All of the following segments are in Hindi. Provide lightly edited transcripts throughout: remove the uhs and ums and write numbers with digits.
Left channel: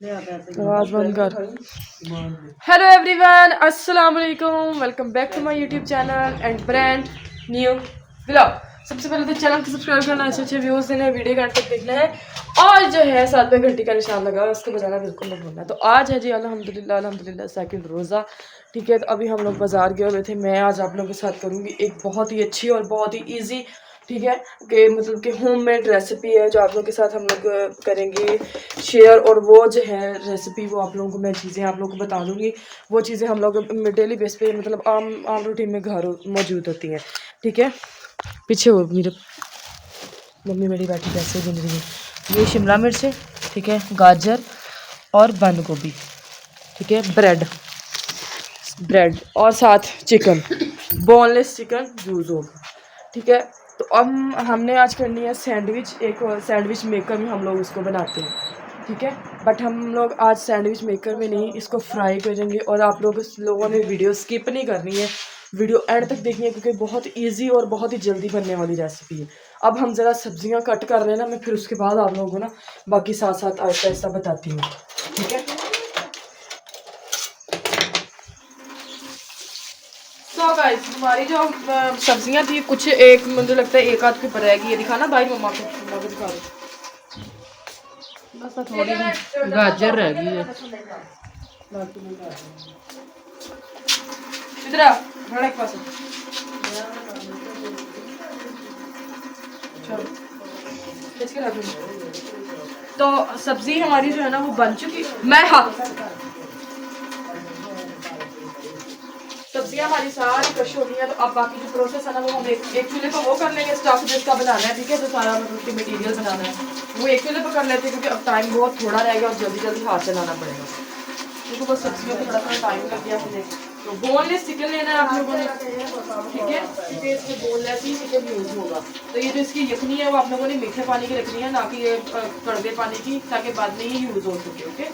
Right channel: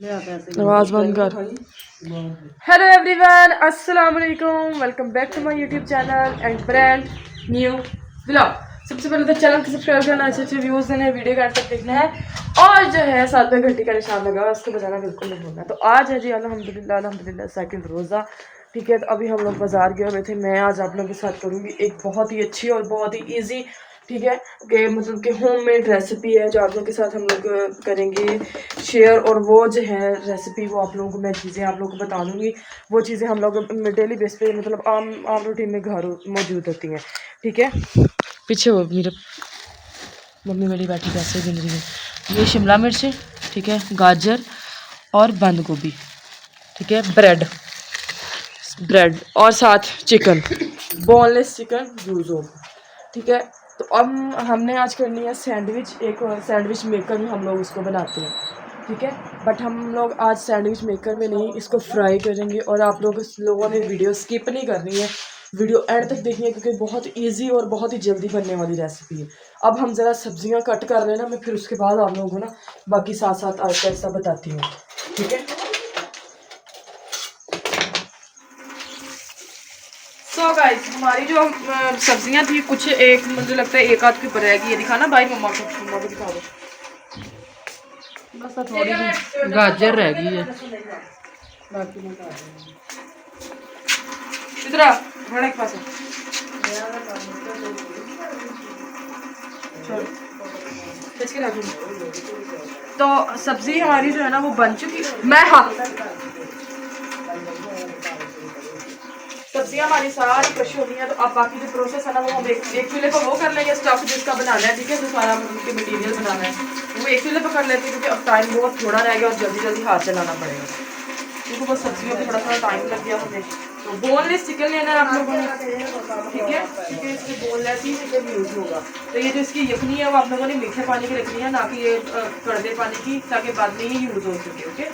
आवाज बंद कर। हेलो एवरीवन, अस्सलाम वालेकुम, welcome back to my YouTube channel and brand new vlog. सबसे पहले तो चैनल को सब्सक्राइब करना, अच्छे अच्छे व्यूज़ देने, वीडियो का तक देखना है और जो है साथ में घंटी का निशान लगा उसको बजाना बिल्कुल नहीं भूलना। तो आज है जी अल्हम्दुलिल्लाह अल्हम्दुलिल्लाह सेकंड रोज़ा, ठीक है। तो अभी हम लोग बाज़ार गए हुए थे। मैं आज आप लोगों के साथ करूँगी एक बहुत ही अच्छी और बहुत ही ईजी, ठीक है, कि मतलब कि होममेड रेसिपी है जो आप लोगों के साथ हम लोग करेंगे शेयर। और वो जो है रेसिपी, वो आप लोगों को मैं चीज़ें आप लोगों को बता दूँगी। वो चीज़ें हम लोग डेली बेस पे मतलब आम रूटीन में घर मौजूद होती हैं, ठीक है। पीछे वो मेरे मम्मी मेरी बैठी पैसे गिन रही है। ये शिमला मिर्च है, ठीक है, गाजर और बंद गोभी, ठीक है, ब्रेड और साथ चिकन, बोनलेस चिकन यूज़ होगा, ठीक है। तो अब हमने आज करनी है सैंडविच। एक सैंडविच मेकर में हम लोग इसको बनाते हैं, ठीक है। बट हम लोग आज सैंडविच मेकर में नहीं, इसको फ्राई करेंगे। और आप लोगों ने वीडियो स्किप नहीं करनी है, वीडियो एंड तक देखनी है, क्योंकि बहुत इजी और बहुत ही जल्दी बनने वाली रेसिपी है। अब हम ज़रा सब्जियां कट कर लेना, मैं फिर उसके बाद आप लोगों को ना बाकी साथ साथ आहिस्ता आहिस्ता बताती हूँ, ठीक है। सो गाइस, हमारी जो सब्जियां थी कुछ, एक मुझे लगता है एक आध के ऊपर रहेगी। ये दिखाना भाई, मम्मा को दिखा दो। बस थोड़ी गाजर रह गई है। इधर आ, बड़ा एक पास है। चलो, खींच के रख दूँ। तो सब्जी हमारी जो है ना वो बन चुकी है। मैं हाँ, सब्जियां हमारी सारी क्रश होनी है। तो अब बाकी जो प्रोसेस है ना वो हम एक चूल्हे पर वो कर लेंगे, स्टफ जिसका बनाना है, ठीक है, जो सारा मतलब कि मटीरियल बनाना है वो एक चूल्हे पर कर लेते हैं, क्योंकि अब टाइम बहुत थोड़ा रह गया और जल्दी जल्दी हाथ चलाना पड़ेगा, क्योंकि बस सब्जियों में थोड़ा सा टाइम लग गया हमें। तो बोनलेस चिकन लेना है आप लोगों ने, ठीक है, क्योंकि इसमें बोनलेस ही चिकन यूज़ होगा। तो ये जो इसकी यखनी है वो आप लोगों ने मीठे पानी की रखनी है, ना कि ये कड़वे पानी की, ताकि बाद में ही यूज़ हो सके, ओके।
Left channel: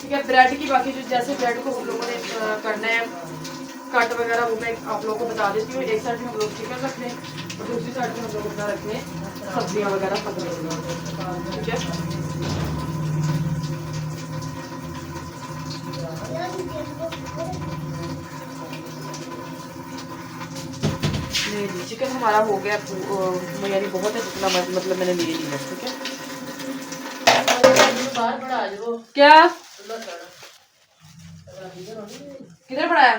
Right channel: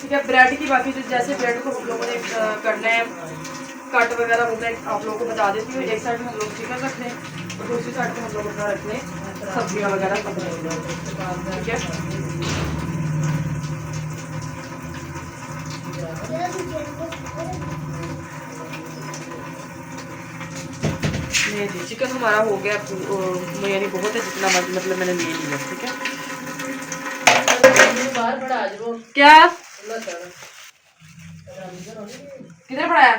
ठीक है, ब्रेड की बाकी जो जैसे ब्रेड को हम लोगों ने करना है कट वगैरह, वो मैं आप लोगों को बता देती हूँ। एक साइड में हम लोग चिकन रख लें और दूसरी साइड में हम लोग अपना रख लें सब्जियाँ वगैरह पक लेंगे, ठीक है। नहीं जी, चिकन हमारा हो गया, यानी बहुत है जितना मतलब मैंने ले लिया, ठीक है। क्या किधर पड़ा है?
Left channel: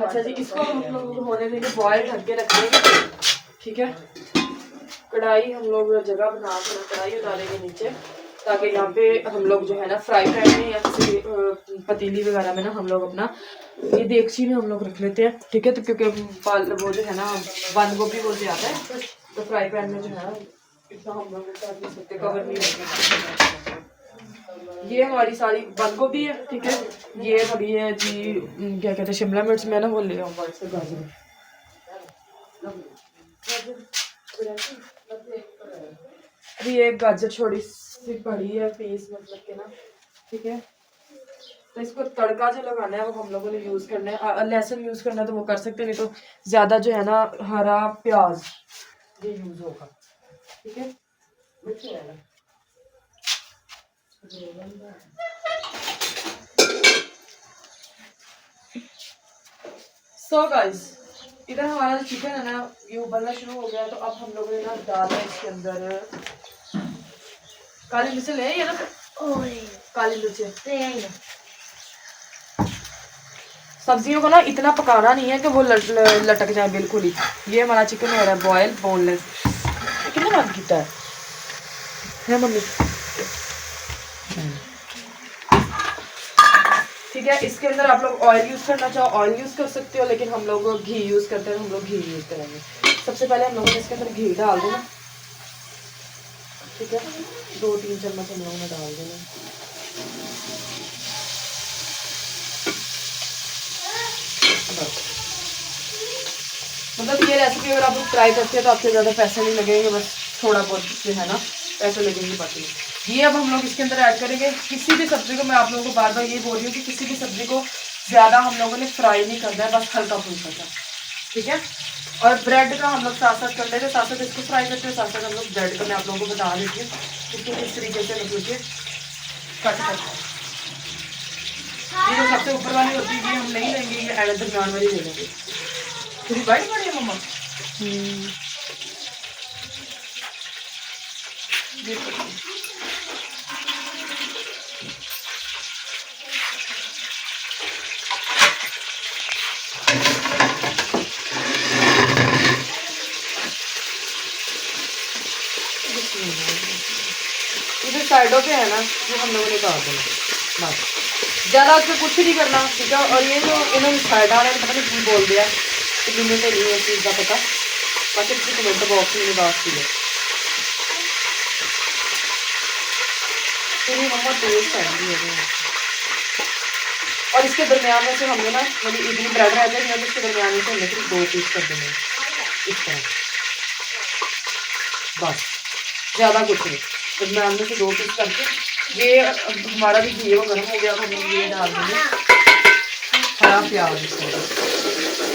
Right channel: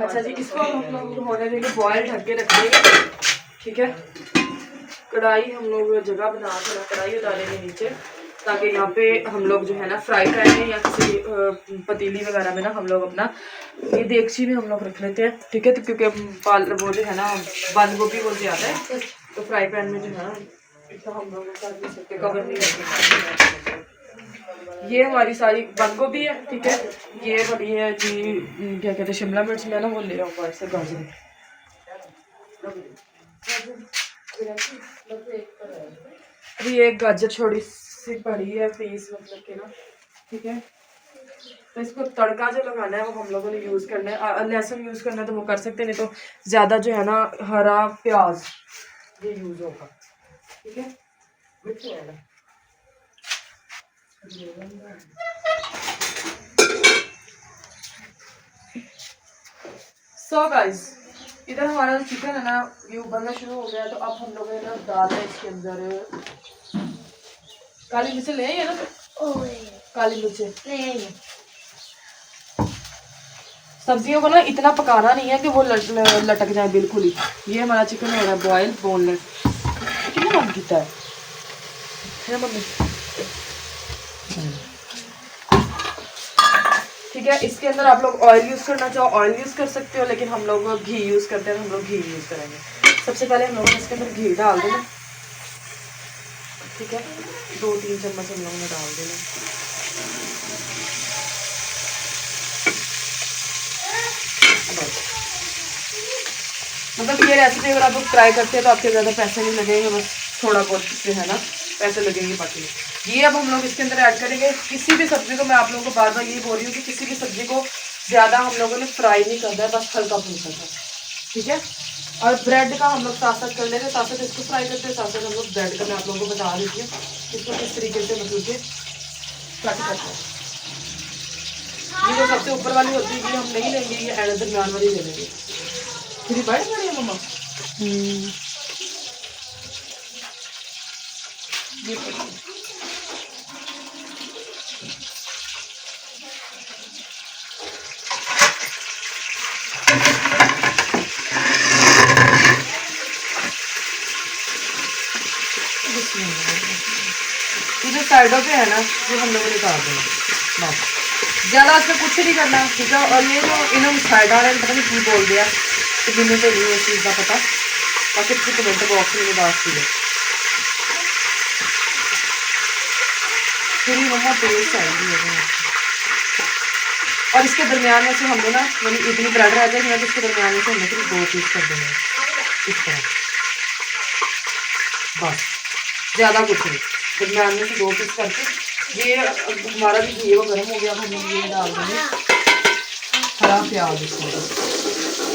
अच्छा जी, इसको हम लोग होने देंगे बॉयल, ढक के रख देंगे, ठीक है। कढ़ाई हम लोग जगह बना के ना कढ़ाई डालेंगे नीचे, ताकि यहाँ पे हम लोग जो है ना फ्राई पैन में या किसी पतीली वगैरह में ना हम लोग अपना ये देगची में हम लोग रख लेते हैं, ठीक है। तो क्योंकि वो जो है ना बंद गोभी वो ज़्यादा है, तो फ्राई पैन में जो है ना इतना हम लोग कर नहीं सकते, कवर नहीं होगी। ये हमारी सारी बंद गोभी है, ठीक है। ये हमारी है जी क्या कहते हैं शिमला मिर्च, मैं ना वो ले आऊँगा इससे गाजर। अभी एक गाजर छोटी सी पड़ी है पीस मतलब के ना, ठीक है। तो इसको तड़का जो लगाना है वो हम लोगों ने यूज़ करना है। लहसुन यूज़ करना है तो वो कर सकते हैं, नहीं तो ज़्यादा जो है ना हरा प्याज ये यूज़ होगा, ठीक है। सो गाइस, इधर हमारा जो चिकन है ना ये उबलना शुरू हो गया है। तो अब हम लोगों ने ना डाला है इसके अंदर काली मिर्च, ले आई है ना काली मिर्च। सब्जियों को ना इतना पकाना नहीं है कि वो लटक जाए बिल्कुल ही। ये हमारा चिकन हो रहा है बॉयल बोनलेस। कितना बंद किया है मम्मी, ठीक है। इसके अंदर आप लोग ऑयल यूज़ करना चाहो ऑयल यूज़ कर सकते हो, लेकिन हम लोग घी यूज़ करते हैं, हम लोग घी यूज़ करेंगे। सबसे पहले हम लोगों ने इसके अंदर घी डाल देना, ठीक है। 2-3 चम्मच हम लोगों ने डाल देना। मतलब ये रेसिपी अगर आप लोग ट्राई करते हैं तो आपके ज़्यादा पैसे नहीं लगेंगे, बस थोड़ा बहुत जो है ना पैसे लगेंगे बाकी। ये अब हम लोग इसके अंदर ऐड करेंगे। किसी भी सब्ज़ी को, मैं आप लोगों को बार बार ये बोल रही हूँ कि किसी भी सब्ज़ी को ज़्यादा हम लोगों ने फ्राई नहीं करना है, बस हल्का फुल्का सा, ठीक है। और ब्रेड का हम लोग साथ साथ कर लेते हैं, साथ साथ इसको फ्राई करते हैं, साथ साथ हम लोग ब्रेड का मैं आप लोगों को बता देती हूँ इसको किस तरीके से मतलब कि कट करते हैं। ये जो सबसे ऊपर वाली होती है ये हम नहीं लेंगे, ये एंड दरमियान वाली ले लेंगे। थोड़ी बाइट पड़ी है मम्मा, ये पड़ी है। ये जो साइडों पे है ना ये हम लोगों ने काट देना बस, ज़्यादा इसमें कुछ नहीं करना, ठीक है। और ये जो इन्होंने साइड आ रहे हैं पता नहीं क्यों बोल दिया, तो मैंने तो नहीं है इस चीज़ का पता, बाकी इसके कमेंट बॉक्स में मैंने बात की है। फिर ये मम्मा टेस्ट आएंगी है। और इसके दरमियान में से हमने ना मतलब इतनी ब्रेड रह जाएगी ना, तो इसके दरमियान में से हमने सिर्फ 2 पीस कर देना है इस तरह, बस ज़्यादा कुछ नहीं। दरमियान में से 2 पीस करके ये हमारा भी घी वो गर्म हो गया, हम लोग ये डाल देंगे हरा प्याज इसमें,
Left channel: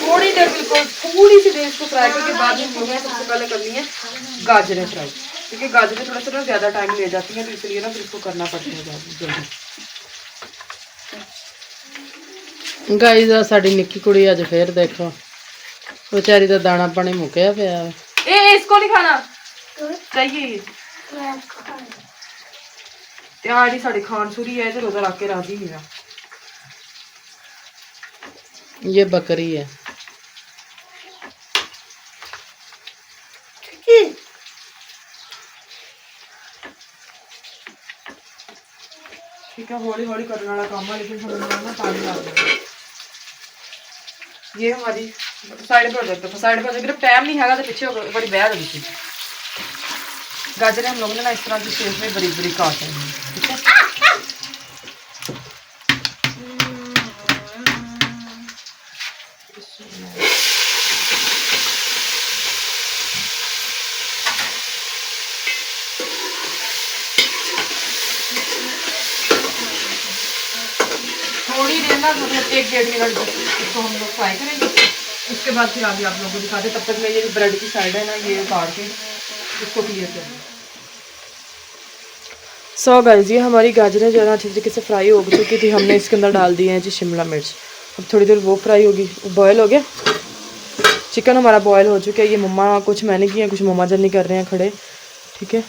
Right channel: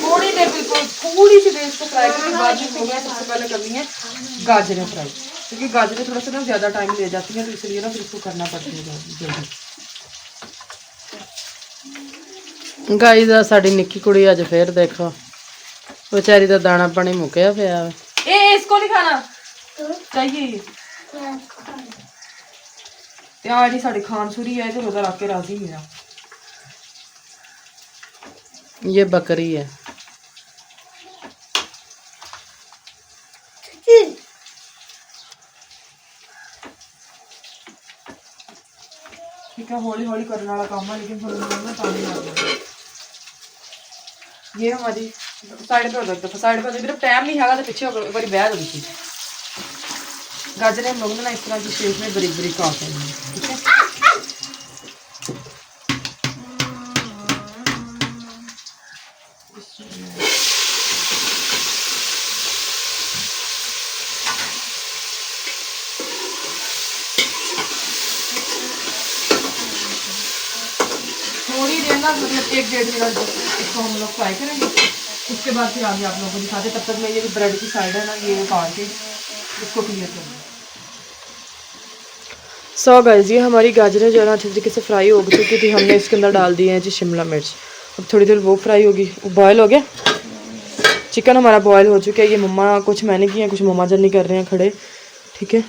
थोड़ी देर बिल्कुल थोड़ी सी देर इसको फ्राई करके बाद में हम लोगों ने सबसे पहले करनी है गाजरें फ्राई, क्योंकि गाजरें थोड़ा सा ना ज़्यादा टाइम ले जाती हैं, तो इसलिए ना फिर इसको करना पड़ता है जल्दी। गाइस आ साडी निक्की कुड़ी अज फिर देखो बेचारी दा दाना पानी मुक्या पिया। ए इसको नहीं खाना चाहिए ये त्यारी साड़ी खान छुरी है, इधर उधर आके राजी है। ये बकरी है। ठीक है, हौली हौली करने वाला काम है, लेकिन थोड़ा ना पानी लग जाएगा। ये हमारी साइड पे हो जाता है, साइड पे हो जाएगी, टाइम नहीं है तो पीछे हो एक बार बह गई थी। गाजरें हम लोगों ने ना इस तरह की शेप में बरीक बरीक काट लेनी है, ठीक है। थोड़ी देर ना मतलब 1-1.5 मिनट इसको हम लोग फ्राई करेंगे, उसके बाद फिर आगे आप लोगों को दिखाते। तब तक मैं ये ब्रेड की साइड है ना ये काट के इसको क्लियर करेंगे। सो गाइस ये हमारी गाजरें जो है ना अच्छे तरीके से फ्राई हो चुकी थी, हमने इसके अंदर डाल दिए हैं जी शिमला मिर्च। अब थोड़ी देर वो फ्राई होगी, बॉयल हो गया चिकन हमारा, बॉयल हो चुका है। ये मम्मा कुछ मैंने किया, कुछ मम्मा जन नहीं कर रहे हैं खड़े, ठीक है।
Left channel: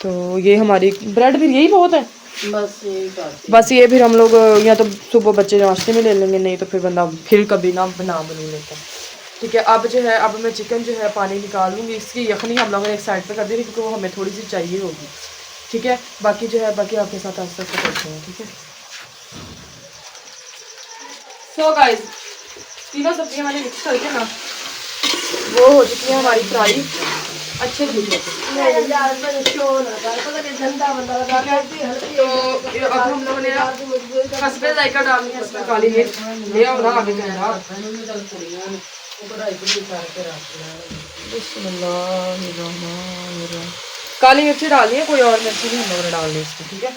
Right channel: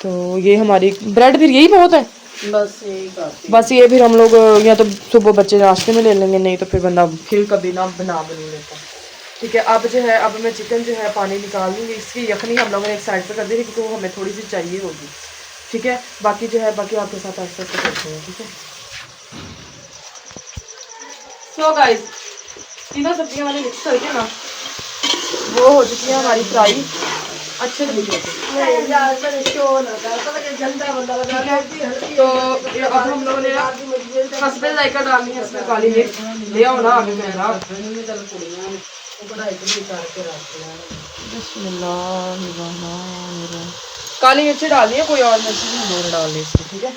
तो ये हमारी ब्रेड फिर यही बहुत है, बस ये फिर हम लोग या तो सुबह बच्चे नाश्ते में ले लेंगे, नहीं तो फिर बंदा फिर कभी ना बनू लेता है, ठीक है। अब जो है अब मैं चिकन जो है पानी निकाल लूँगी, इसकी यखनी हम लोगों ने एक साइड पे कर दी थी क्योंकि वो हमें थोड़ी सी चाहिए होगी, ठीक है। बाकी जो है बाकी आपके साथ आस्ते आस्ते करते हैं, ठीक है। सो गाइस तीनों सब्जियां मैंने मिक्स करके ना वो हो चुकी है हमारी फ्राई अच्छे तरीके से, तो अब हम लोगों ने हसबे जायका डालनी है इसमें काली मिर्च ले आओ ना आगे जनाब। काली मिर्ची डालनी है, कोई और मिर्ची भी हम लोगों ने डालनी है इसमें, ठीक है।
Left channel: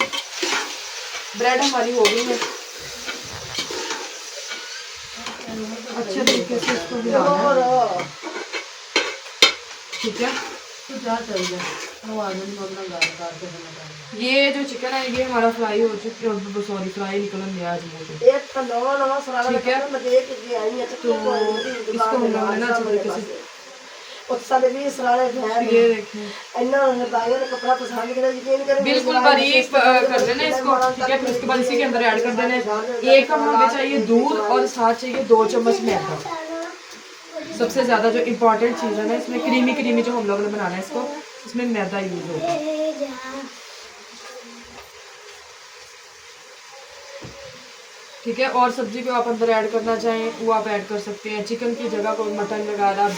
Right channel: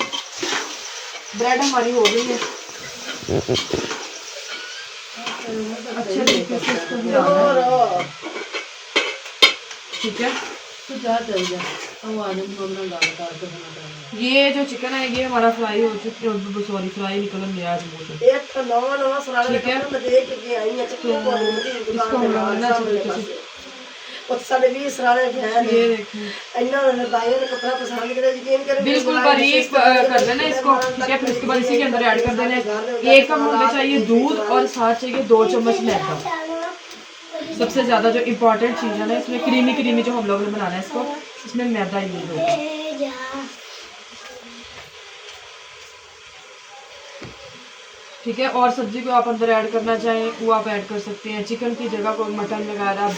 ब्रेड हमारी हो गई है अच्छे तरीके से इसको मिलाना है, ठीक है। ये जो चिकन है ये हमारा फ्राई हो चुका है, सॉरी फ्राई निकल गया आज मुझे, ठीक है। तो इसको हम लोग ना अच्छे तरीके से ये बिल्कुल बारीक कर देना इसको, ठीक है। फिर उसके बाद इसी के अंदर ऐड कर देना है 1 कप हमें चाहिए दूध और साथ चाहिए 2 चम्मच मैदा। सबसे ज़्यादा जो इम्पोर्टेंट चीज़ है ना इसमें क्रीमी जो हम लोग ने बनाना है इसको, इसमें मैदा यूज होगा, ठीक है। और सब्जी को आप अंदर ऐड करना चाहें वो आप ऐड कर सकते हैं, चिकन की जगह को मटन वगैरह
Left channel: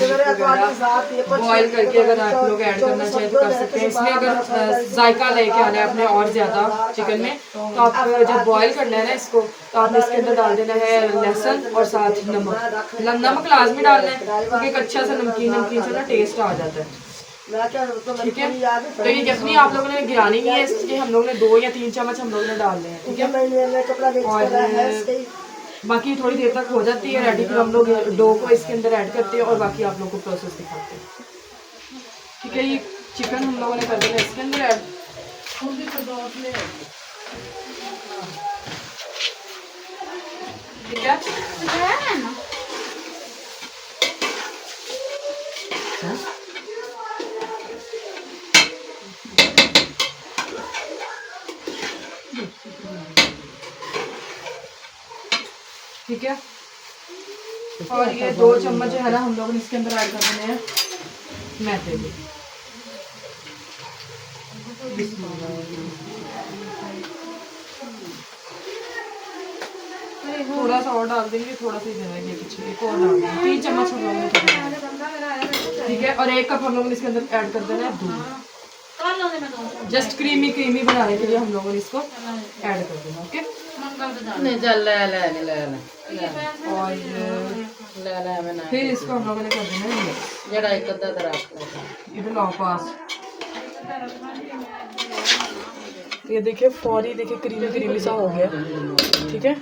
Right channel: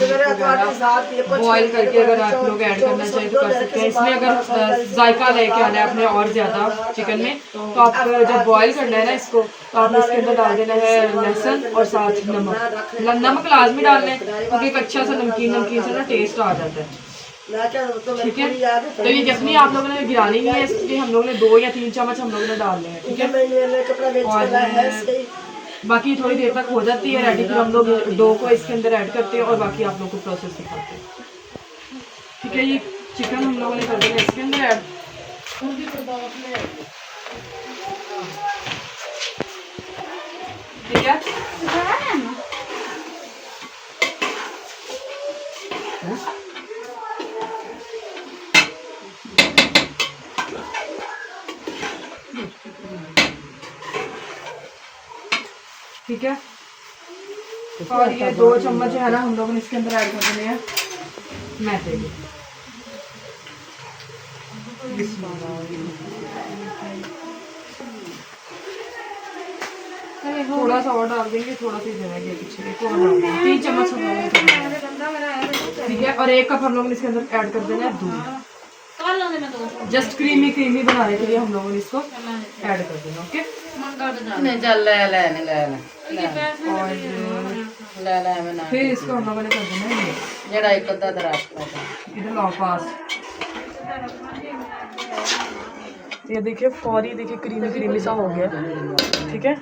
बॉयल करके अगर आप लोग ऐड करना चाहें तो कर सकते हैं। इसमें अगर जायका लेके आना है अपने और ज़्यादा चिकन में, तो आप जब बॉयल करना है ना इसको तो आपने इसके अंदर डाल देना है लहसुन और साथ नमक लाजमी डालना है, क्योंकि एक अच्छा सा नमकीन सा ना टेस्ट आ जाता है, ठीक है। तो ये यखनी आप लोगों ने गिरानी नहीं है, इसमें हम लोगों ने 2 या 3 चम्मच हम लोगों ने डालने हैं, ठीक है। और बाकी थोड़ी देर तक हो जाती है रेडी, फिर हम लोग डो को इसके अंदर ऐड करते हैं और बाकी आप लोग को प्रोसेस दिखाते हैं। ठीक है, ये चिकन हम लोगों ने कर देना इसके अंदर ऐड। ठीक है, ठीक है। और ये 2 चम्मच है ना हम लोगों ने इसके अंदर ऐड कर देने हैं मैदे के। थोड़ा सा और डाल देंगे, थोड़ा सी जगह के पीछे एक और डाल देंगे, 3 चम्मच हम लोगों ने कर देना है। ठीक है, और 1 कप हम लोगों ने इसके अंदर ऐड कर देना है दूध। जस्ट क्रीमी क्रीमी बनाने के लिए हम लोगों ने इसको ऐड कर देना। ओके, नहीं चल ले ले ले ले ले और ले ले मैं ना फिर इसको हम लोगों ने कर देना है जेड़ा एक अद्धा दराज इधर लाओ पास। ये देखिए फौरी, देखिए क्रीमी क्रीमी सा हो गया। ठीक है,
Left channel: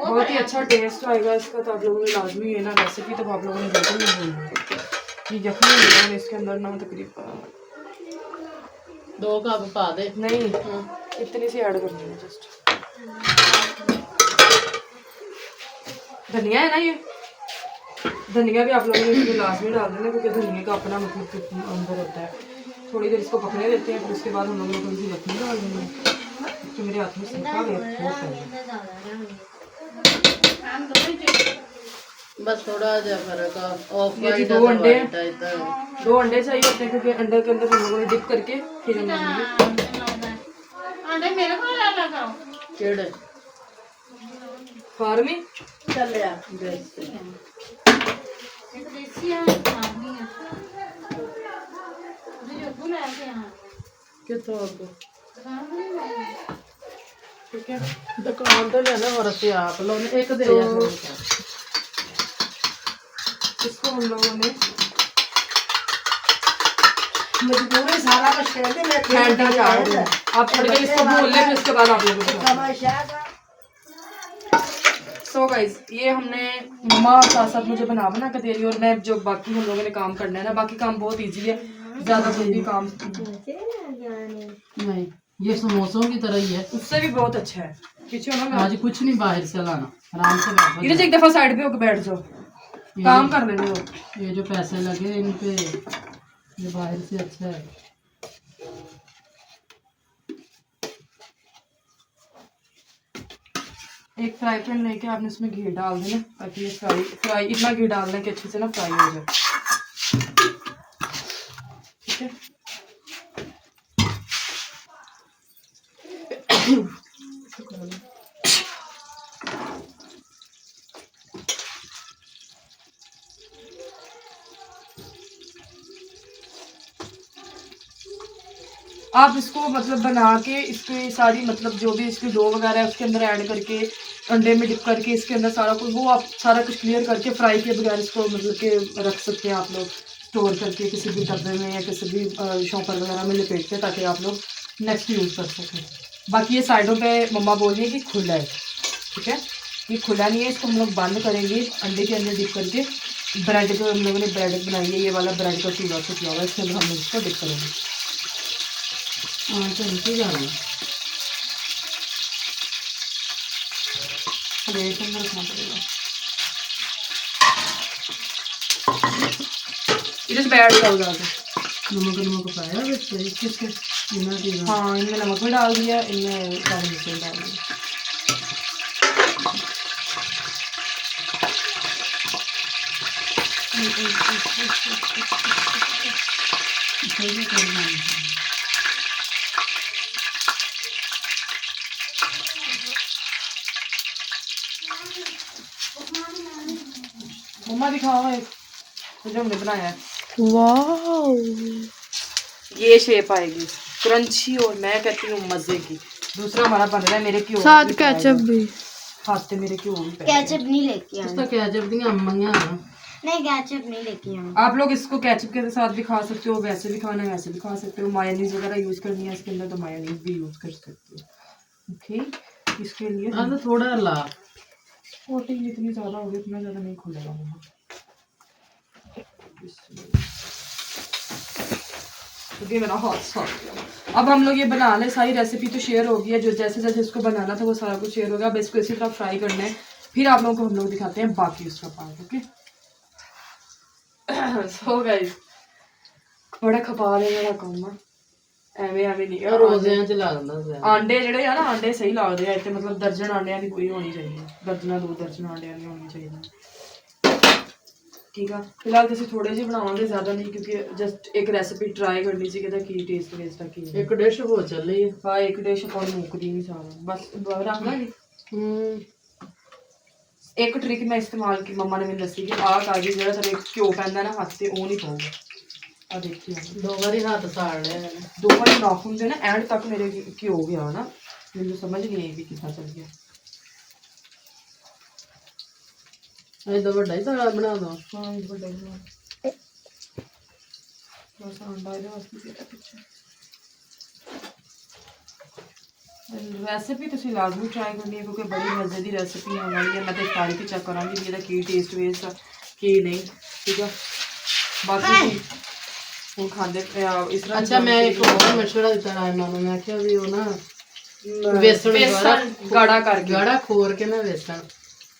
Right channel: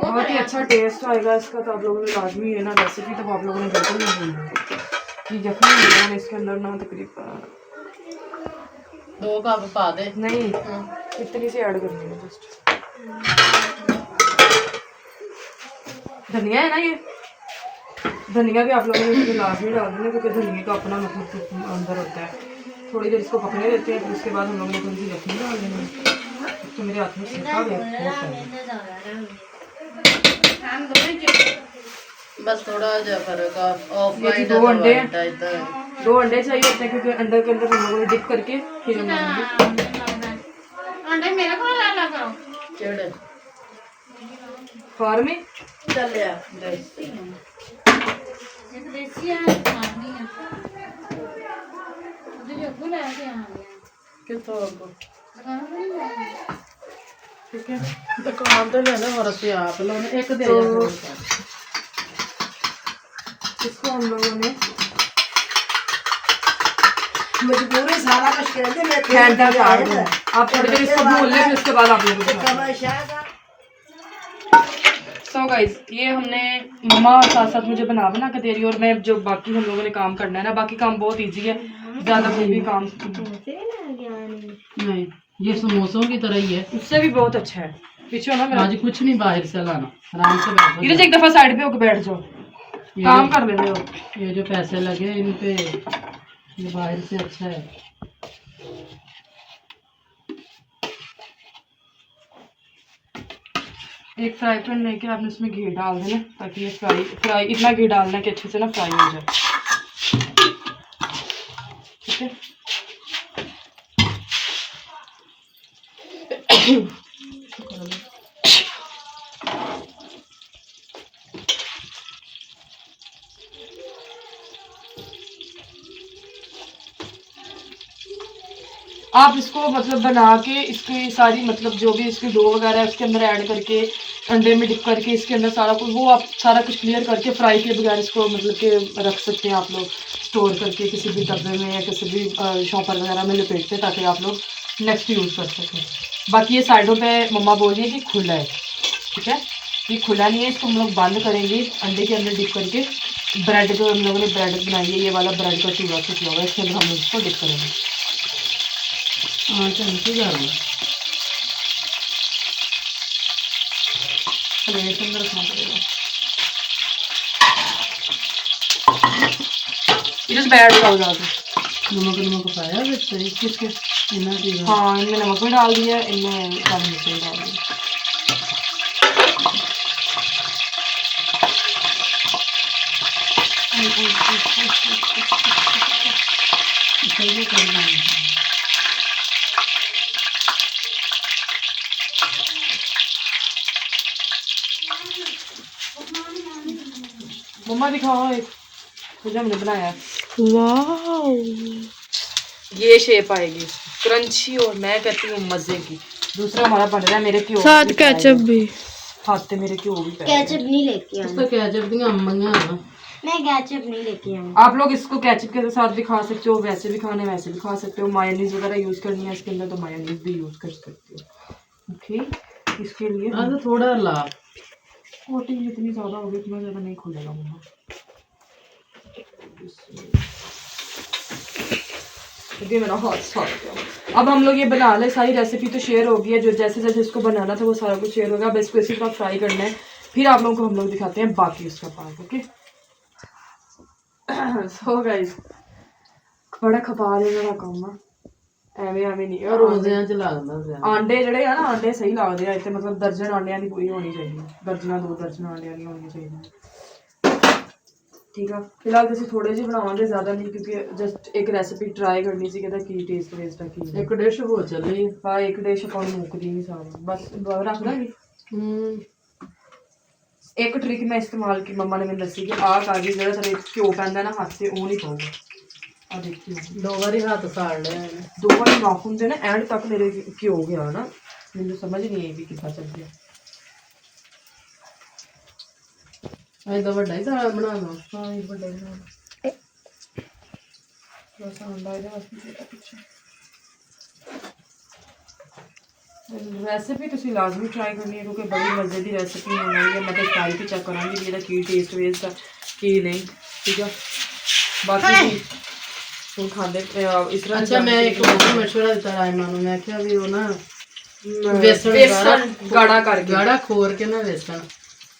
बहुत ही अच्छा टेस्ट आएगा इसका, तो आप लोगों ने लाजमी है ना रेसिपी, तो आप लोगों ने बिल्कुल नहीं भूलना। ये यखनी हम लोगों ने इसके अंदर ना तकरीबन 2 कप पा दे। नहीं, इतनी सी ऐड करनी है जस्ट। धनिया है ना, ये धनिया भी आप लोगों ने इसमें लाजमी डाल देना, क्योंकि धनिया का अपना मतलब अंदर होता है। थोड़ी देर इसको पकने देते हैं, फिर उसके बाद हम लोगों ने थोड़ी सी यखनी डाल देनी है। तो मेरे हाथ में सिरका गया, बस थोड़ा जा फर्क ऑफ ये जी 2 अंडे, 2 अंडे चाहिए होते हैं, क्योंकि अंदर के अंदर हम लोगों ने डिप करके फिर हम अंडे मेरे को ला करो चेड़े फार में चल यार देसी ये तो देसी है नहीं है मुझे जो बुला के आ कितो को गया। ठीक है, दुकान तो लेना वरसे आप लोग एक दे तो इसको हम लोगों ने मजबूरी सारा कुछ कर दे मैं हैंडल चार्ज है। आप थोड़ी देर इसको भून लें, फिर उसके बाद आप लोगों को सो गाइस, ये हमने मम्मा साथ साथ मुझे बना के दे रही है, और मैं जो बाकी हम लोगों ने काम करना है ना, बाकी काम बहुत इजी है, ज़्यादा कोई भी काम नहीं, ये समोसों की तरह ही है, उससे भी बहुत अच्छा है। पीछे हो ना, आज कुछ नहीं बाहर से लाना, आराम से बैठो। इधर से एक दफा साइड पे होकर बैठ जाओ, काम कर लेते हो। ये जो पैसे लगे इन पे, ये बाहर से अच्छा है। एक फ्राई पैन लेके आपने उसमें घी डाल देना, ताकि ये फ्राई इतना घी डालना कि अच्छे से ना फ्राई हो जाए। ठीक है, आप इसको मतलब बना के इसकी सारी मतलब जो भी इसकी डो वगैरह है उसके अंदर ऐड करके अंडे में डिप करके इसके अंदर सारा कुछ वो आप सारा कुछ क्लियर करके फ्राई के बगैर इसको मतलब के रख सकते हैं आप लोग, स्टोर करके किसी भी डब्बे में या किसी भी शॉपर वगैरह में लपेट के, ताकि आप लोग नेक्स्ट यूज़ कर सकें। बाकी ये साइडों पे मम्मा बोल रही है कि खुला है। ठीक है, ये खुला नहीं है, इसको हम लोग बंद करेंगे अंडे के अंदर डिप करके। ब्रेड जो हम लोगों ने ब्रेड बनाई है, ये वाला ब्रेड का चूल्हा से किया होगा, इसके अंदर हम लोग इसको डिप करेंगे। हाँ चलती जा रही इसके अंदर रखना पड़ेगा, इधर बैठ जाओ जाके। नमक पाया वैसे किसके? इन्ना की हाँ, इनमें नमक भी डाल दिया, इनमें काली मिर्च भी डाल दिया। सही करना है। मम्मा दिखाओ एक, खुद हमने बनाया है। वाह, ये शेप आएगी क्रंची, और मैं कहती हूँ मजे की। दूसरा हमारा बन रहा है मेरे क्यों साथ केचप भी, हाथ से मेरे क्यों भी केचप नहीं लेके आना। तो केचप दी अम्मियां मैं केचप नहीं लेके आऊँ। आप लोग इसको केचप के साथ भी खा सकते हो, वैसे भी खाना है वैसे भी खा सकते हो। मायोनीज वगैरह यूज करनी है इसके अंदर तो मायोनीज भी यूज कर सकते हो। ओके, इसके लिए तो थोड़ा ला कोटिंग जितनी ज्यादा होगी उतना ज्यादा नहीं खुलेगा मम्मा। ये मेरा हाथ साफ किया। अब हम लोग ये बना ले, सारी रेसिपी तो शेयर हो गई है, जो जैसे जैसे इसको बनाना था वो सारा कुछ शेयर होगा। अब इसको इसी तरह फ्राई करना है, फिर आप लोगों को हम लोग दिखाते हैं बाकी उसका पार्ट। ओके सो गाइस, बड़ा खपा लेने का काम है, ਐਵੇਂ ਐਵੇਂ ਨਹੀਂ। और रोजियां च ला दिंदा ज़्यादा। ਆਂਡੇ ਜਿਹੜੇ ਆ ਨਾ, ਆਂਡੇ ਸਹੀ ਲੱਗਦੇ ਆ ਇੱਥੇ, ਮਤਲਬ ਦਰਜਨ ਆਂਡਿਆਂ ਦੀ ਪੂਰੀ ਹੋਣੀ ਚਾਹੀਦੀ ਹੈ, ਦਰਜਨਾਂ 2 ਦਰਜਨ ਆਂਡਿਆਂ ਦੀ ਹੋਣੀ ਚਾਹੀਦੀ। ਠੀਕ ਆ, ਫਿਲਹਾਲ ਤੁਸੀਂ ਥੋੜੇ ਜਿਹੇ ਬਣਾਵਾਂਗੇ, ਜ਼ਿਆਦਾ ਨਹੀਂ, ਕਿਉਂਕਿ ਜਸਟ ਇੱਕ ਰੈਸਿਪੀ ਟਰਾਈ ਕਰਨੀ ਸੀ ਕਿ ਕੀ ਟੇਸਟ ਵੇਸਟ ਆ ਕੀ। एक डिश हो चली है। ਹਾਂ, ਇੱਕ ਡਿਸ਼ ਆਪਾਂ ਨੂੰ ਮੁੱਕਦੀ ਨਹੀਂ ਸਾਰਾ, ਬਸ ਰੱਖ ਦਾਂਗੇ। ਇੱਕ ਟ੍ਰਿਕ ਮੈਂ ਇਸਤੇਮਾਲ ਕੀ ਮੰਮਾ ਨੇ ਮੈਨੂੰ ਦੱਸੀ ਕਿ ਆਹ ਕਾਜੀ ਜਿਹੜਾ ਤੇਰੇ ਘਿਓ ਪੈਂਦਾ ਨਾ ਹੱਥ ਤੇ, ਉਹ ਨਹੀਂ ਪਾਊਗਾ। ਆ ਦੇਖੀ 2 बारी हाथ साड़ लिया मैंने। 2 ਵਾਰੀ ਨੌਕ ਹੁੰਦੇ ਨਾ, ਐਂਡ ਤੱਕ ਮੇਰੇ ਘਿਓ ਗਿਆ ਨਾ, ਮੈਨੂੰ ਸਮਝ ਨਹੀਂ ਆਈ ਵੀ ਕਿੱਦਾਂ ਚੱਲ ਗਿਆ। ऐसा बड़ा ही दाल बना दो। ਹਾਂ ਇਹ ਵੱਡਾ ਹੀ ਨਾ, ਬਸ ਆਂਡਾ ਇਹਦੇ ਵਾਸਤੇ ਜਿਹੜਾ ਪਿੱਛੇ। ਰੈਸਿਪੀ ਤੁਸੀਂ ਲਾਜ਼ਮੀ ਟਰਾਈ ਕਰਨੀ ਹੈ, ਕਿਉਂਕਿ ਬੜੀ ਮਜ਼ੇ ਦੀ ਰੈਸਿਪੀ ਹੋਣ ਵਾਲੀ ਹੈ। ਮੈਂ ਤਾਂ ਟਰਾਈ ਵੀ ਚੈੱਕ ਕਰਾਂਗੀ ਵੀ ਇਹਦਾ ਕੀ ਟੇਸਟ ਵੇਸਟ ਆ ਕੀ ਨਹੀਂ। ਠੀਕ ਆ, ਬਾਕੀ ਹੁਣ ਖਾਂਦੇ ਇਸ ਤਰ੍ਹਾਂ। अच्छा मैं एक और मशवरा दिता रायमा ਨੂੰ, मैं क्या भी वो ना बेसन ਗਾੜਾ ਕਰਕੇ गाढ़ा खोर के ना बेसन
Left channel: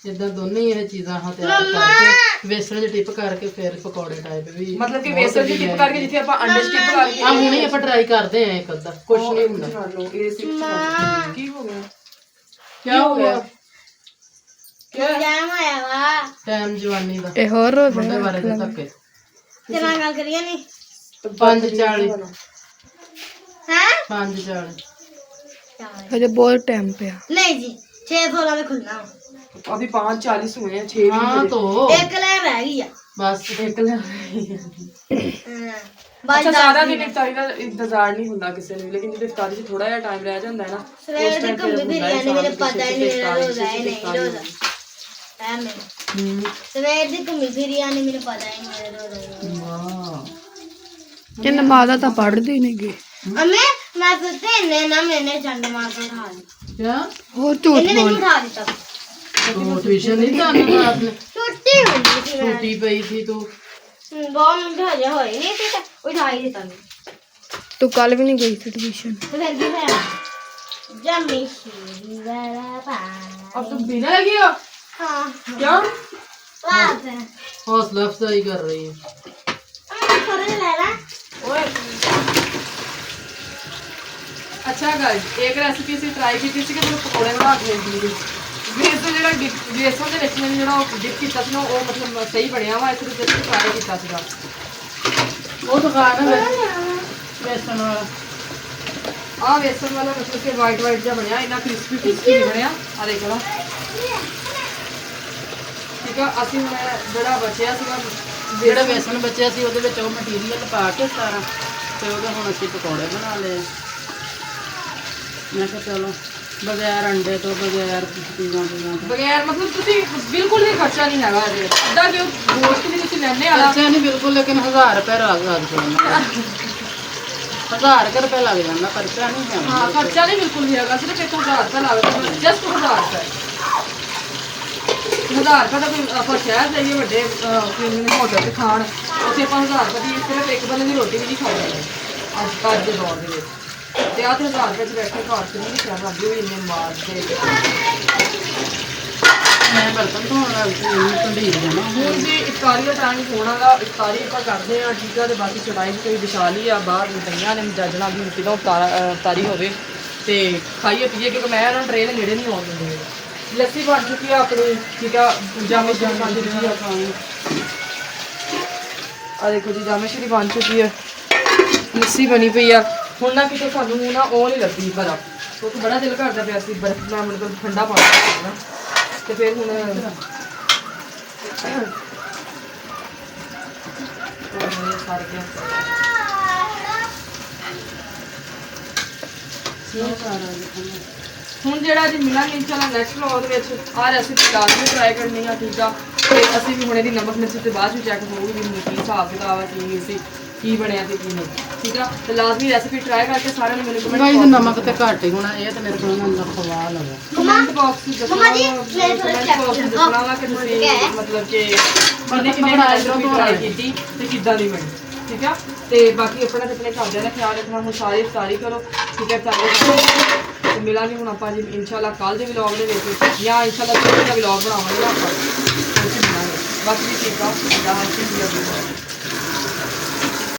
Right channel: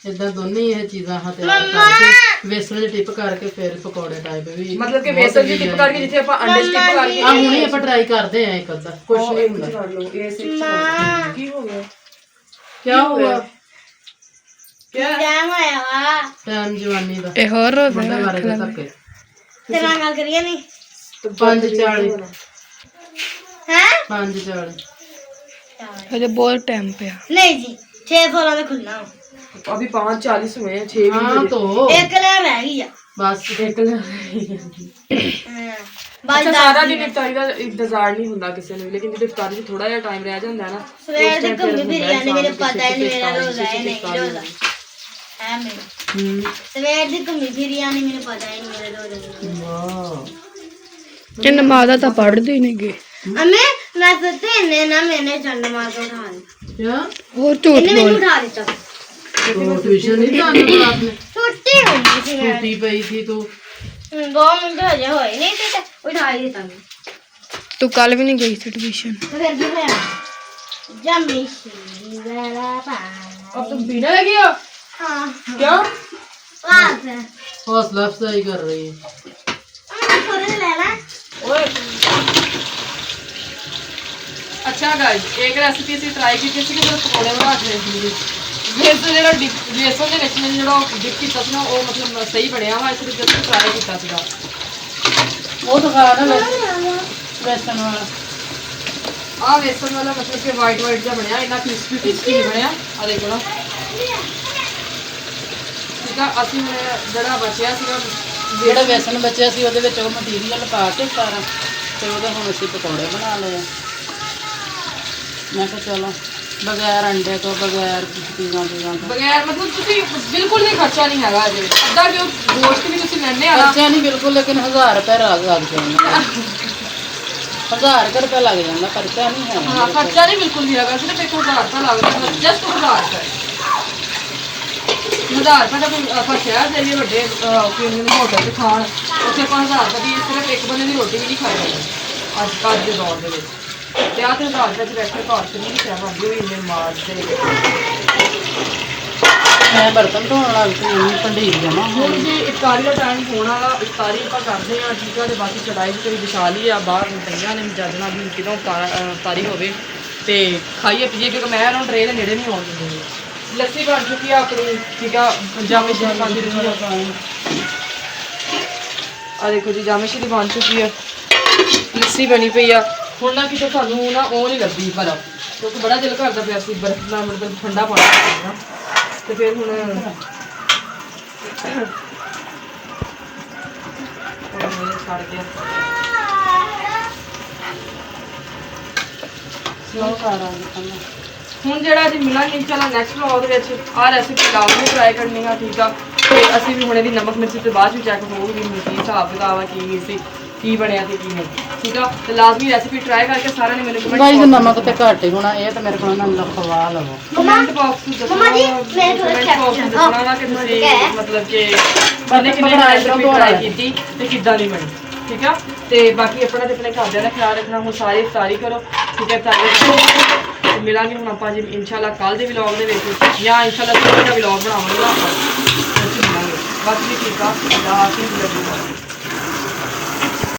इदा दोनों ही ये चीज़ां हाँ तैयार करके बेसन च टिप करके फिर पकौड़े टाइप भी ਮਤਲਬ ਕਿ ਬੇਸਨ ਦੀ ਟਿਪ ਕਰਕੇ ਜਿੱਥੇ ਆਪਾਂ ਅੰਡੇ ਸਟਿਪ ਕਰਕੇ हाँ हुणे ਆਪਾਂ ट्राई करते हैं एक अद्धा कुछ नहीं हुंदा। ਕਰ ਲਓ ਇਹ ਸਿੱਖ ਕਰ। ਕੀ ਹੋ ਗਿਆ? क्या हुआ टाइम आया वा टाइम जवानी दा ਇਹ ਹੋਰ मुंडे बारे दे धक्के तेरा गल करिए नहीं 5:40 हैं 5:40 ਅਜੇ ਬਹੁਤ ਟਾਈਮ ਪਿਆ। नहीं जी 6:16 में खुलना हो। अभी 5:40 हुए हैं, 6 हाँ तो एक लाइन रह गई है। बस ਇੱਕ ਲੈ। बस ਅੱਛਾ, ਸਾਰਾ ਦਿਨ ਇਫਤਾਰੀ ਦਾ ਇੰਤਜ਼ਾਰ ਨਹੀਂ ਹੁੰਦਾ ਕਿਸੇ ਨੂੰ, ਲੇਕਿਨ ਜਦੋਂ ਇਫਤਾਰੀ 'ਚ ਥੋੜਾ ਜਿਹਾ ਟਾਈਮ ਰਹਿ ਜਾਂਦਾ ਨਾ, सवेर दी घूमी फिरी आने मेरे पता ही नहीं मेरा रोजा है नहीं रोजा है मेरा। सवेर दी घूमी फिरी आने मेरे पता ही नहीं मेरा रोजा है। ਇਹ ਨਮਾਜ਼ ਤਾਂ ਪੜ੍ਹਦੇ ਨਹੀਂ ਗਏ। अम्मे मैं सोचते इन्हें ना मैंने चंड मार को उठा दिया। क्या ਹੋਰ ਝੂਠ इन्हें मैंने उठा दिया। तो ट्यूशन नहीं जाना रात में छुट्टी हो गई थी मेरी। छुट्टी पई थी तो 2 मिनट हजे होए नहीं थे तो उठा ही देता मैं। ਤੂੰ ਕੱਲ ਵੀ ਨਹੀਂ ਗਈ ਸੀ ਟਿਊਸ਼ਨ। तो फिर भी मैं जमी सी वाला पा। अब तुम पीने लगी हो? हाँ क्या? बात है। हौसला अफजाई कर रही है। अम्मे थोड़े से लेना। ओए अच्छा गाइस, एक रेसिपी ਅਸੀਂ ਟਰਾਈ ਕੀਤੀ ਸੀ ਕਿ ਪਕੌੜੇ ਬਣਾ ਕੇ ਦੇਖੀ ਸੀ। ਬੇਸਨ ਜਿਹੜਾ ਬੇਸਨ ਦੇ ਵਿੱਚ ਮੈਨੂੰ ਜਿਹੜਾ ਡਿਪ ਕੀਤਾ ਸੀ ਨਾ, ਉਹ ਮਤਲਬ ਸਹੀ ਬਣਿਆ ਵਾ, ਇਸ ਲਈ ਜਦ ਟਰਾਈ ਕੀਤਾ ਸੀਗਾ। वो तो खा ना बेसन वाला ਆਹ ਬੇਸਨ ਵਾਲਾ ਮਤਲਬ ਕਿ ਵਾਈਟ ਜਿਹਾ ਬਣਿਆ, ਇੰਨਾ ਕ੍ਰਿਸਪੀ ਨਹੀਂ ਬਣਿਆ। ਆ ਦੇਖੋ ਨਾ, ਠੀਕ ਆ। ਅਸੀਂ ਹੁਣ ਜਿਹੜਾ ਬਚਿਆ ਸੀਗਾ ਜਿਹੜਾ बेसन बचिया सी ਉਹਦੇ ਵਿੱਚ ਉਹ ਮਟੀਰੀਅਲ ਪਾ ਕੇ ਸਾਰਾ ਤੇ ਉਹਦੇ ਹੁਣ ਅਸੀਂ ਪਕੌੜੇ ਬਣਾ ਲਏ। ਮੈਂ ਕਿਹਾ ਚਲੋ ਬਗੈਰ ਅੰਡੇ ਤੋਂ ਬਗੈਰ ਚੀਜ਼ਾਂ ਤੋਂ ਬਗੈਰ ਮਤਲਬ ਤੁਸੀਂ ਬਿਲਕੁਲ ਵੀ ਖਰਚਾ ਨਹੀਂ ਹੈਗਾ ਅਜੇ। ਅੱਧਾ ਕਿ ਗੋਸ਼ਤ ਵੀ ਤੁਸੀਂ ਲੈਣੇ ਆ ਖਰਚਾ ਨਹੀਂ ਬਿਲਕੁਲ, ਲੇਕਿਨ 1000 ਰੁਪਏ ਲੱਗ ਜਾਂਦਾ। 1000 ਰੁਪਏ ਲੱਗ ਜਾਂਦਾ, ਖਰਚਾ ਨਹੀਂ ਹੈ। ਹਾਂ, ਖਰਚਾ ਨਹੀਂ ਬਿਲਕੁਲ ਵੀ ਹੈਗਾ, ਸਿਰਫ 1000 ਰੁਪਏ ਲੱਗਦਾ, ਜਸਟ 1000 ਰੁਪਏ। 1000 ਰੁਪਏ ਦਾ ਕੋਈ ਆਪਾਂ ਸ਼ਹਿਰ ਜਾਈਏ ਵੱਡੇ ਹੋਟਲ 'ਚ ਖਾਣ, ਉੱਥੇ ਆਪਾਂ 1000 ਰੁਪਏ ਦੀ ਸਿਰਫ ਇੱਕ ਬੰਦੇ ਦੀ ਰੋਟੀ ਵੀ ਨਹੀਂ ਖਾਈ ਜਾਂਦੀ ਅੱਜ ਦੇ ਦੌਰ ਦੇ ਵਿੱਚ। ਤੇ ਆਹ 1000 ਰੁਪਏ 'ਚ ਬੈਠੇ ਘਰ 'ਚ ਨਹੀਂ ਕਿਹਾ ਬਣਦੀ ਹੋਈ ਇੰਨੇ ਮਾਰਦੇ। ਮੈਂ ਬਰਤਨ ਧੋਣ ਵਾਲੀ ਸੀ, ਇੰਨੀ ਭੰਡੀਰ ਜਮਾ ਹੁਣ ਜੀ ਇਫਤਾਰੀ ਦਾ ਟਾਈਮ ਹੋਣ ਵਾਲਾ, ਇਫਤਾਰੀ ਆਪਾਂ ਕਰਦੇ ਹਾਂ, ਠੀਕ ਆ। ਤੇ ਬਾਕੀ ਚੜਾਈ ਕੋਈ ਵਿਛਾ ਲਈ ਆ ਬਾਹਰ ਪਈਆਂ ਨੇ, ਜੱਜਣਾ ਵੀ ਕਿਦੋਂ ਇਫਤਾਰੀ ਹੋਵੇ ਤੇ ਖਾਈਏ ਪੀਏ, ਕਿਉਂਕਿ ਮੈਂ ਇਹਨਾਂ ਨੂੰ ਟ੍ਰੇਨ ਦੇ ਨੇੜੇ ਨਹੀਂ ਆਉਣ ਦਿੰਦੀ। ਲੱਸੀ ਬਣ ਚੁੱਕੀ ਆ ਆਪਣੀ, ਠੀਕ ਆ। ਜਾਮੇ ਸ਼ਰੀਫਾਂ ਦੀ ਰੁਚੀ ਆ ਪਾਣੀ। ਆ ਦੇਖੋ ਜੀ, ਜਾਮੇ ਸ਼ਰੀਫ ਬਣ ਚੁੱਕੀ ਆ, ਲੱਸੀ ਬਣੀ ਪਈ ਆ। ਹੁਣ ਨਾ ਕਿਤੇ ਸਾਨੂੰ ਨਾ ਉਹ ਨਹੀਂ ਲੱਗੀ ਬਰਫ਼, ਕਿਉਂਕਿ ਬੜਾ ਦਿਲ ਕਰਦਾ ਪਿਆ ਸੀ ਬਰਫ਼ ਦਾ, ਮਤਲਬ ਠੰਡਾ ਪਾਣੀ ਪੀਣਾ। ਤੇ ਫਿਰ ਹੁਣ ਸੜ ਗਿਆ। ਹੁਣ ਜਿਹੜਾ ਅੱਜ ਮਿਲਾਂਗੇ ਇੰਸ਼ਾਅੱਲਾ ਨੈਕਸਟ ਵਲੌਗ ਦੇ ਵਿੱਚ, ਆਹ ਰੈਸਿਪੀ ਲਾਜ਼ਮੀ ਟਰਾਈ ਕਰਨੀ ਆ, ਠੀਕ ਆ। ਤੇ ਅਸੀਂ ਵੀ ਹੁਣ ਇਹਦੀ ਨਮਕ ਮਿਰਚ ਤੋਂ ਬਾਅਦ ਵੀ ਚੈੱਕ ਹੋਊਗੀ ਕੀ ਹਿਸਾਬ ਕਿਤਾਬ ਹੈ, ਕੀ ਸੀ, ਕੀ ਬਣਿਆ ਤੇ ਕੀ ਨਹੀਂ। ਠੀਕ ਆ, ਤੇ ਲਾਜ਼ਮੀ ਰੈਸਿਪੀ ਟਰਾਈ ਕਰਕੇ ਸਾਰਿਆਂ ਨੇ ਮੈਨੂੰ ਗਾਈਜ਼ ਨਮਕ ਤੇ ਘੱਟ ਹੀ ਹੋਣਾ, ਇਹ ਤਾਂ ਮੇਰੇ ਕੋਲ ਨਾ ਲਖਵਾ ਲਵੋ। ਕਮੈਂਟ ਬਾਕਸ ਵਿੱਚ ਦੱਸਣਾ ਵਾ ਕਿ ਤੁਸੀਂ ਮਤਲਬ ਕਿ ਕਿੰਨੇ ਰੈਸਿਪੀ ਟਰਾਈ ਕੀਤੀ ਤੇ ਕਿੱਦਾਂ ਦੀ ਬਣੀ। ਠੀਕ ਆ, ਤੇ ਬਾਕੀ ਆਪਣਾ ਤੇ ਆਪਣੇ ਘਰਦਿਆਂ ਦਾ ਖਿਆਲ ਰੱਖਣਾ। ਹੁਣ ਸਾਰੇ ਇਫਤਾਰੀ ਕਰੋ। ਠੀਕ ਹੈ, ਤੇ ਮਿਲਾਂਗੇ ਹੁਣ ਆਪਾਂ ਜੀ ਇਨਸ਼ਾਅੱਲਾ ਕੱਲ ਦੇ ਵਲੌਗ ਦੇ ਵਿੱਚ, ਜਾਂ ਇਨਸ਼ਾਅੱਲਾ ਕੱਲ ਦਾ ਵਲੌਗ ਬਣਾਵਾਂਗੇ ਆਪਾਂ, ਉਹ 'ਚ ਮਿਲਾਂਗੇ। ਬਾਕੀ ਠੀਕ ਆ, ਅੱਲਾ ਹਾਫਿਜ਼।